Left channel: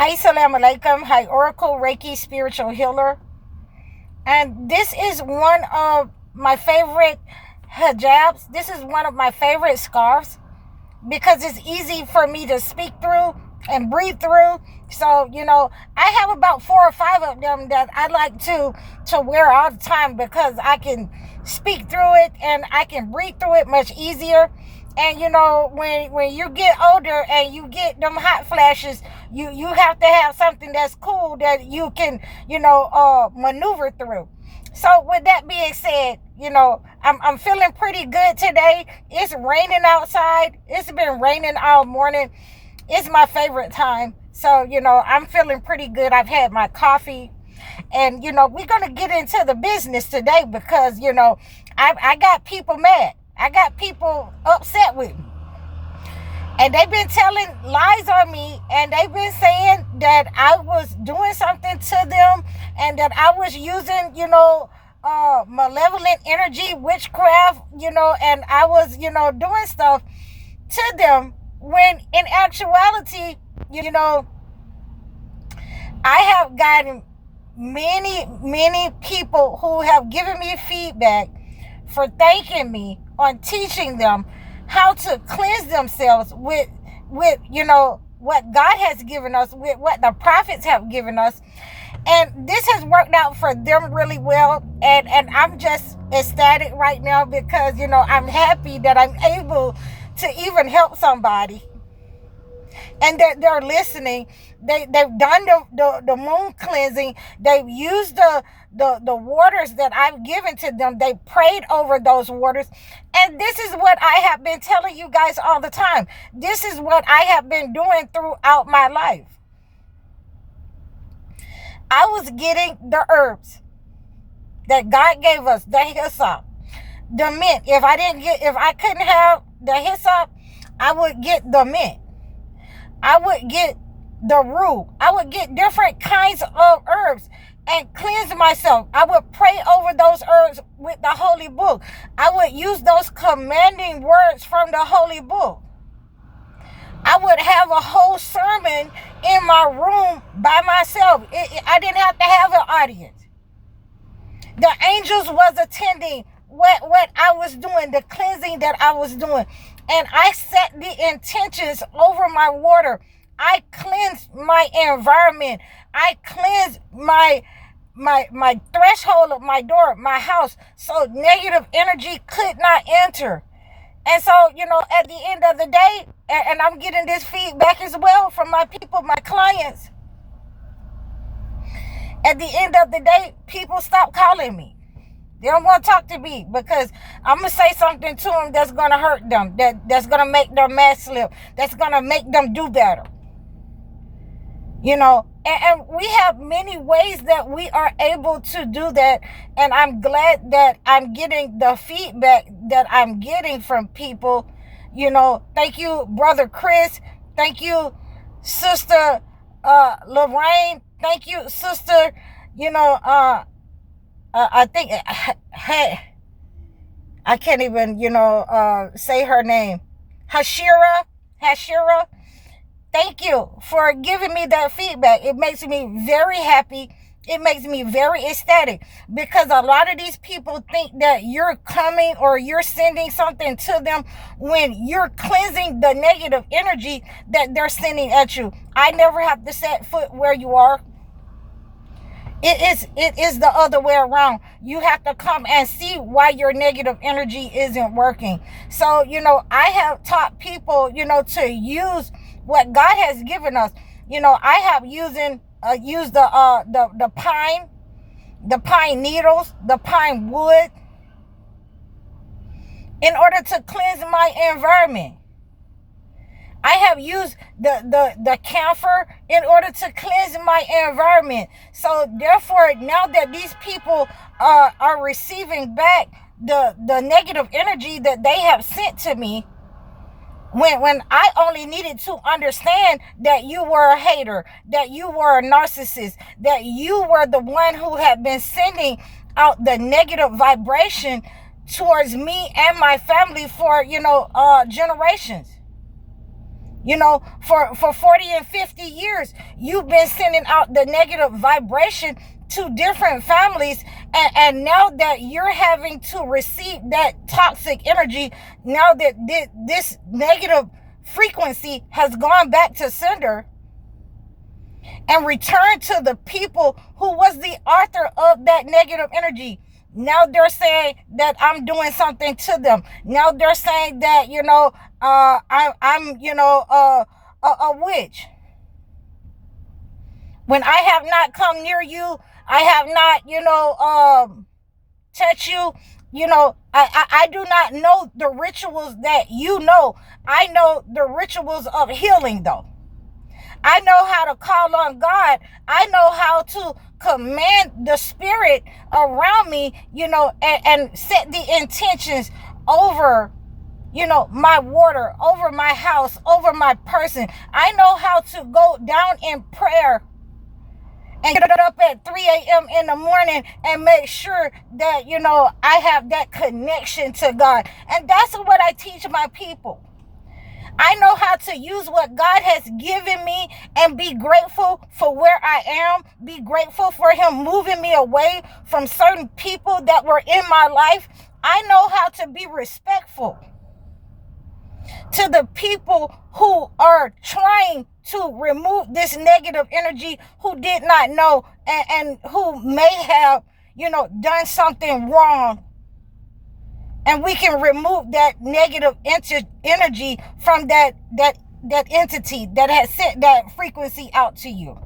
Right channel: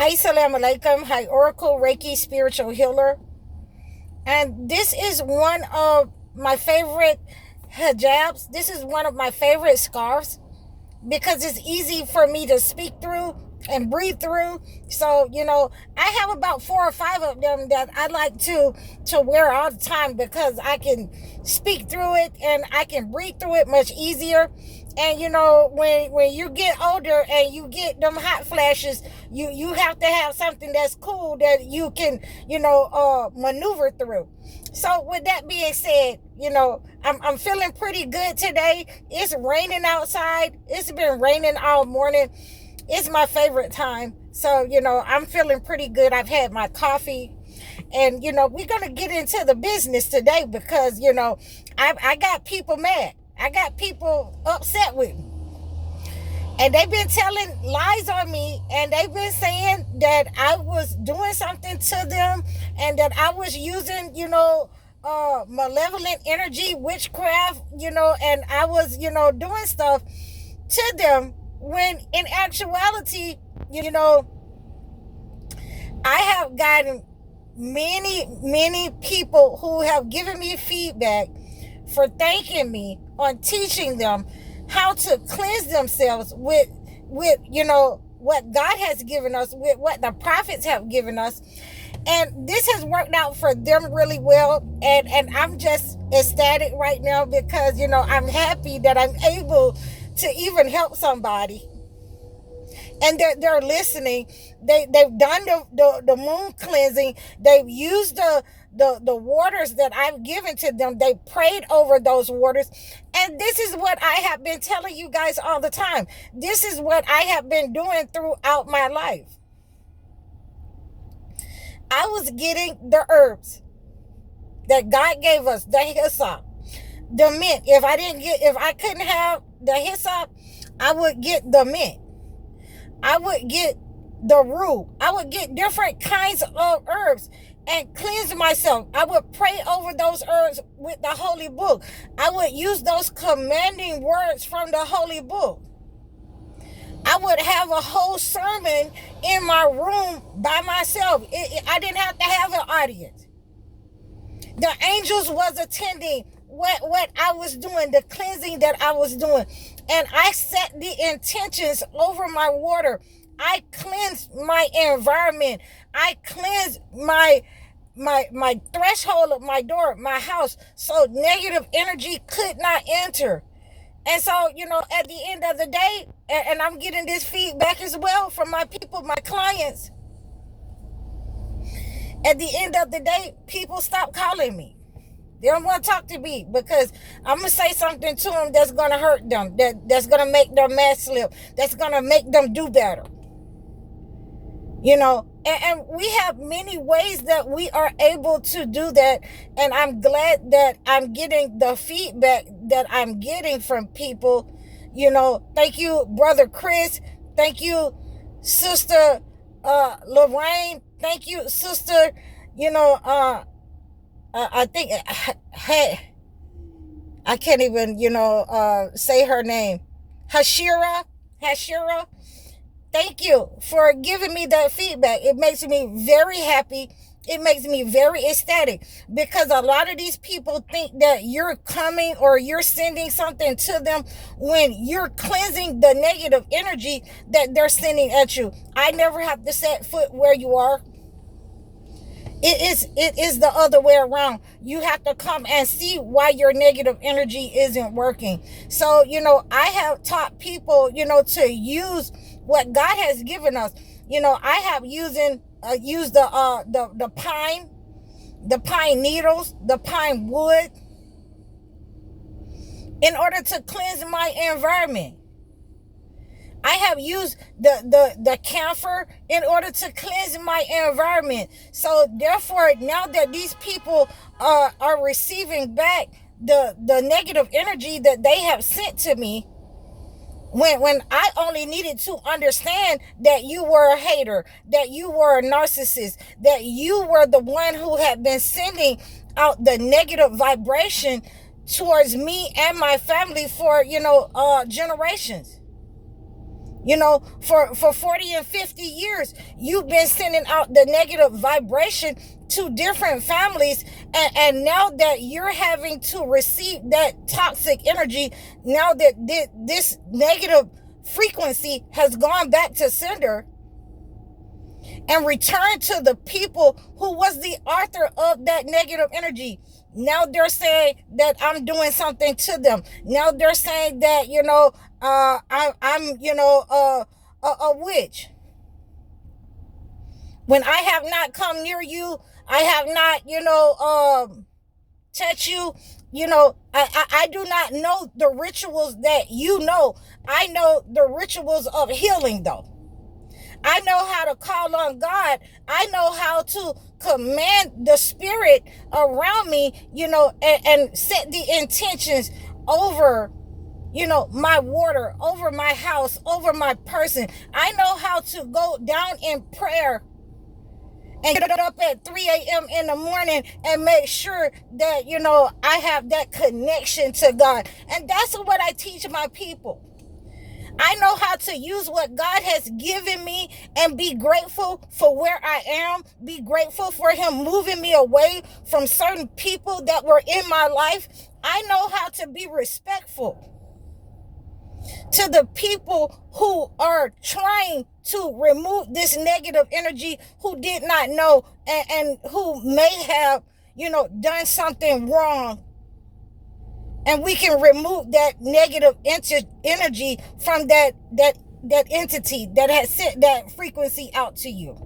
Assalamu alaikum. Hi, Oracle Reiki Spiritual Healer. And this is one of my favorite hijabs. This is one of my favorite scarves because it's easy for me to speak through and breathe through. So, I have about 4 or 5 of them that I like to wear all the time because I can speak through it and I can breathe through it much easier. And when you get older and you get them hot flashes, you have to have something that's cool that you can maneuver through. So with that being said, I'm feeling pretty good today. It's raining outside. It's been raining all morning. It's my favorite time. So, I'm feeling pretty good. I've had my coffee. And, we're going to get into the business today because, I got people mad. I got people upset with me. And they've been telling lies on me, and they've been saying that I was doing something to them and that I was using, malevolent energy, witchcraft, and I was, doing stuff to them when in actuality, I have gotten many people who have given me feedback for thanking me on teaching them how to cleanse themselves with what God has given us, with what the prophets have given us. And this has worked out for them really well. And I'm just ecstatic right now because, I'm happy that I'm able to even help somebody. And they're listening. They've done the moon cleansing. They've used the waters that I've given to them. They prayed over those waters. And this is what I have been telling you guys all the time. This is what I have been doing throughout my life. I was getting the herbs that God gave us, the hyssop, the mint. If I couldn't have the hyssop, I would get the mint. I would get the rue. I would get different kinds of herbs and cleanse myself. I would pray over those herbs with the Holy Book. I would use those commanding words from the Holy Book. I would have a whole sermon in my room by myself. I didn't have to have an audience. The angels was attending what I was doing, the cleansing that I was doing. And I set the intentions over my water. I cleansed my environment. I cleansed my threshold of my door, my house, so negative energy could not enter. And so, at the end of the day, and I'm getting this feedback as well from my people, my clients. At the end of the day, people stop calling me. They don't want to talk to me because I'm going to say something to them that's going to hurt them, that's going to make them mad slip, that's going to make them do better. And we have many ways that we are able to do that. And I'm glad that I'm getting the feedback that I'm getting from people. Thank you, Brother Chris. Thank you, Sister Lorraine. Thank you, Sister, I think, I can't even, say her name. Hashira. Thank you for giving me that feedback. It makes me very happy. It makes me very ecstatic because a lot of these people think that you're coming or you're sending something to them when you're cleansing the negative energy that they're sending at you. I never have to set foot where you are. It is the other way around. You have to come and see why your negative energy isn't working. So, I have taught people, to use what God has given us. I have used the pine needles, the pine wood in order to cleanse my environment. I have used the camphor in order to cleanse my environment. So therefore, now that these people are receiving back the negative energy that they have sent to me, when I only needed to understand that you were a hater, that you were a narcissist, that you were the one who had been sending out the negative vibration towards me and my family for, generations. For 40 and 50 years, you've been sending out the negative vibration to different families. And now that you're having to receive that toxic energy, now that this negative frequency has gone back to sender and returned to the people who was the author of that negative energy. Now they're saying that I'm doing something to them. Now they're saying that, I'm, a witch. When I have not come near you, I have not, touched you, I do not know the rituals that you know. I know the rituals of healing, though. I know how to call on God. I know how to command the spirit around me, and set the intentions over, my water, over my house, over my person. I know how to go down in prayer and get up at 3 a.m. in the morning and make sure that, I have that connection to God. And that's what I teach my people. I know how to use what God has given me and be grateful for where I am. Be grateful for Him moving me away from certain people that were in my life. I know how to be respectful to the people who are trying to remove this negative energy, who did not know and who may have, done something wrong. And we can remove that negative energy from that entity that has sent that frequency out to you.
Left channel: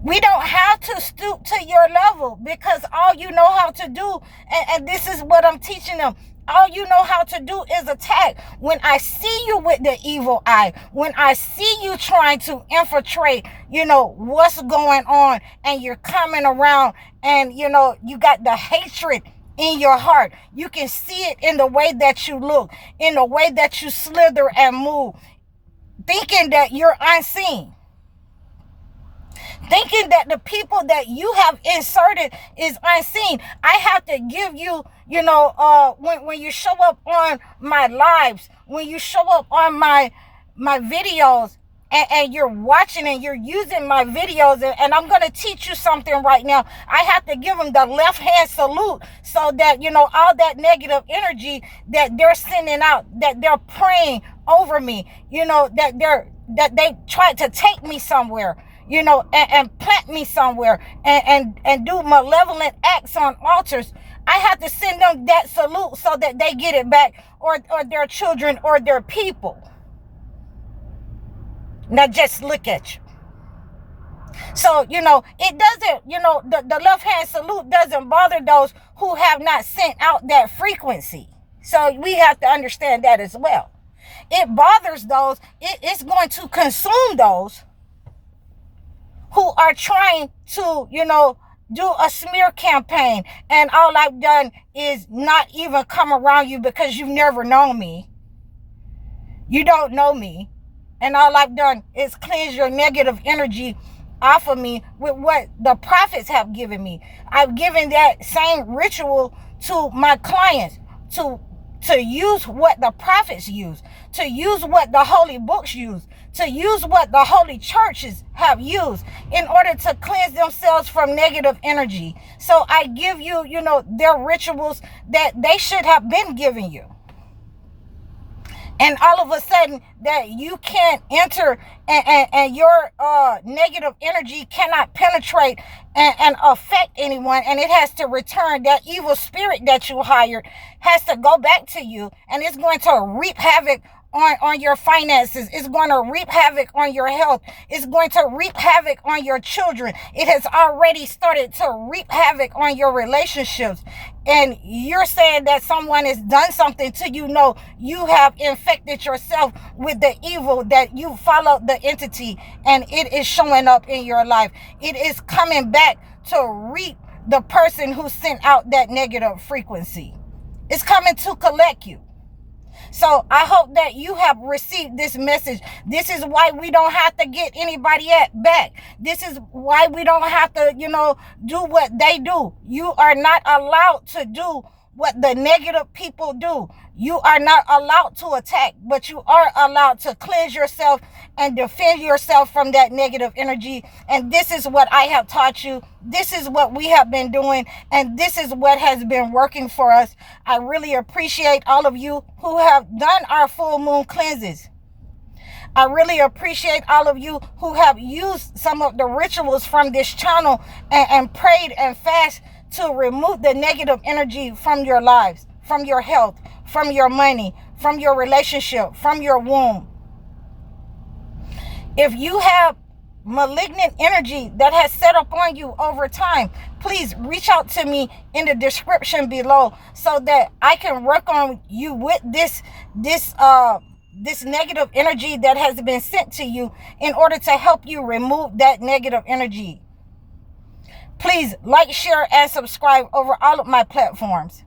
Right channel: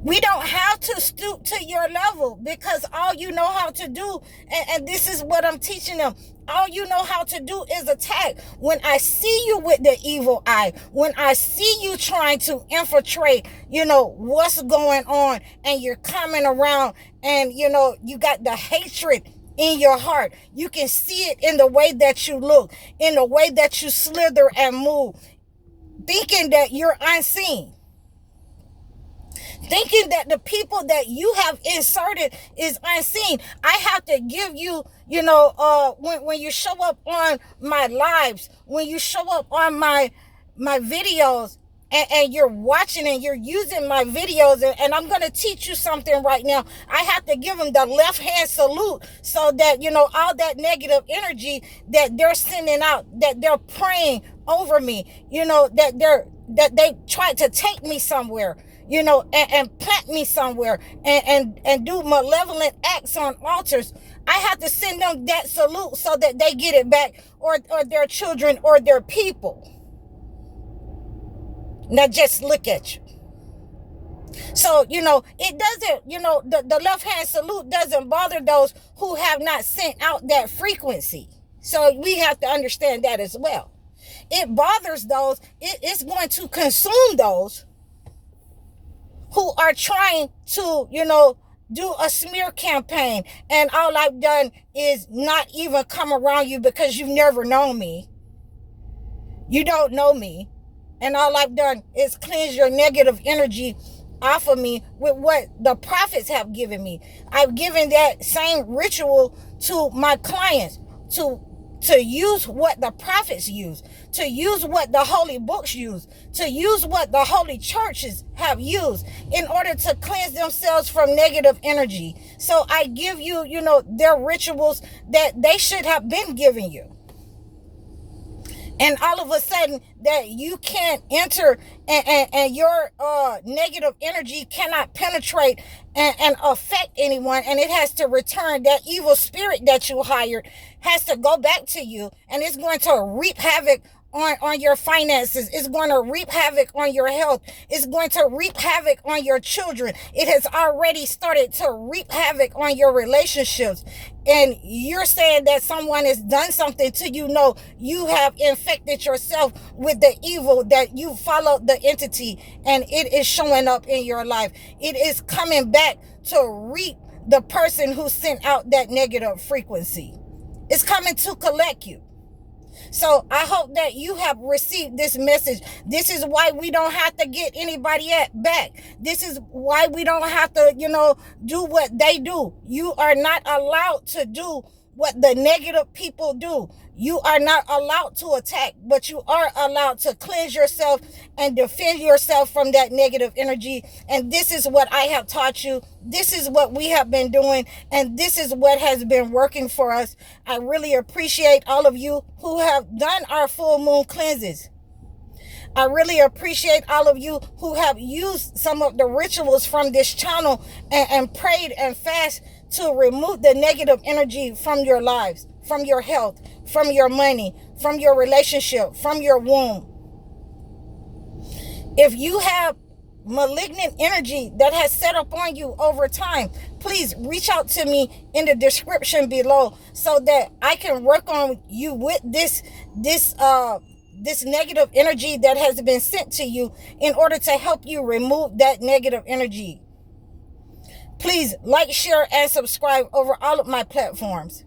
We don't have to stoop to your level, because all you know how to do, and this is what I'm teaching them, all you know how to do is attack. When I see you with the evil eye, when I see you trying to infiltrate, what's going on, and you're coming around and, you got the hatred in your heart. You can see it in the way that you look, in the way that you slither and move, thinking that you're unseen, thinking that the people that you have inserted is unseen. I have to give you, when you show up on my lives, when you show up on my videos, and you're watching and you're using my videos, and I'm going to teach you something right now. I have to give them the left hand salute, so that, all that negative energy that they're sending out, that they're praying over me, that they tried to take me somewhere, and plant me somewhere, and do malevolent acts on altars. I have to send them that salute so that they get it back, or their children, or their people. Now just look at you. So, it doesn't, the left hand salute doesn't bother those who have not sent out that frequency. So we have to understand that as well. It bothers those, it's going to consume those who are trying to, do a smear campaign. And all I've done is not even come around you, because you've never known me. You don't know me. And all I've done is cleanse your negative energy off of me with what the prophets have given me. I've given that same ritual to my clients, to use what the prophets use, to use what the holy books use, to use what the holy churches have used in order to cleanse themselves from negative energy. So I give you, their rituals that they should have been giving you. And all of a sudden that you can't enter, and your negative energy cannot penetrate and affect anyone, and it has to return. That evil spirit that you hired has to go back to you, and it's going to reap havoc on your finances. It's going to reap havoc on your health. It's going to reap havoc on your children. It has already started to reap havoc on your relationships. And you're saying that someone has done something to you. No, you have infected yourself with the evil, that you followed the entity, and it is showing up in your life. It is coming back to reap the person who sent out that negative frequency. It's coming to collect you. So I hope that you have received this message. This is why we don't have to get anybody back. This is why we don't have to, do what they do. You are not allowed to do what the negative people do. You are not allowed to attack, but you are allowed to cleanse yourself and defend yourself from that negative energy. And this is what I have taught you. This is what we have been doing, and this is what has been working for us. I really appreciate all of you who have done our full moon cleanses. I really appreciate all of you who have used some of the rituals from this channel and prayed and fast to remove the negative energy from your lives, from your health, from your money, from your relationship, from your womb. If you have malignant energy that has set up on you over time, please reach out to me in the description below so that I can work on you with this negative energy that has been sent to you in order to help you remove that negative energy. Please like, share, and subscribe over all of my platforms.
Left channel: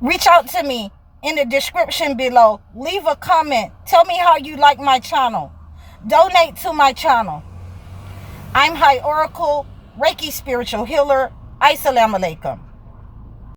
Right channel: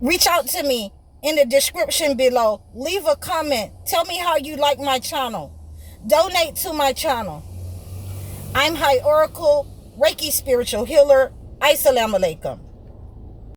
Reach out to me in the description below. Leave a comment. Tell me how you like my channel. Donate to my channel. I'm High Oracle, Reiki Spiritual Healer. Assalamu alaikum.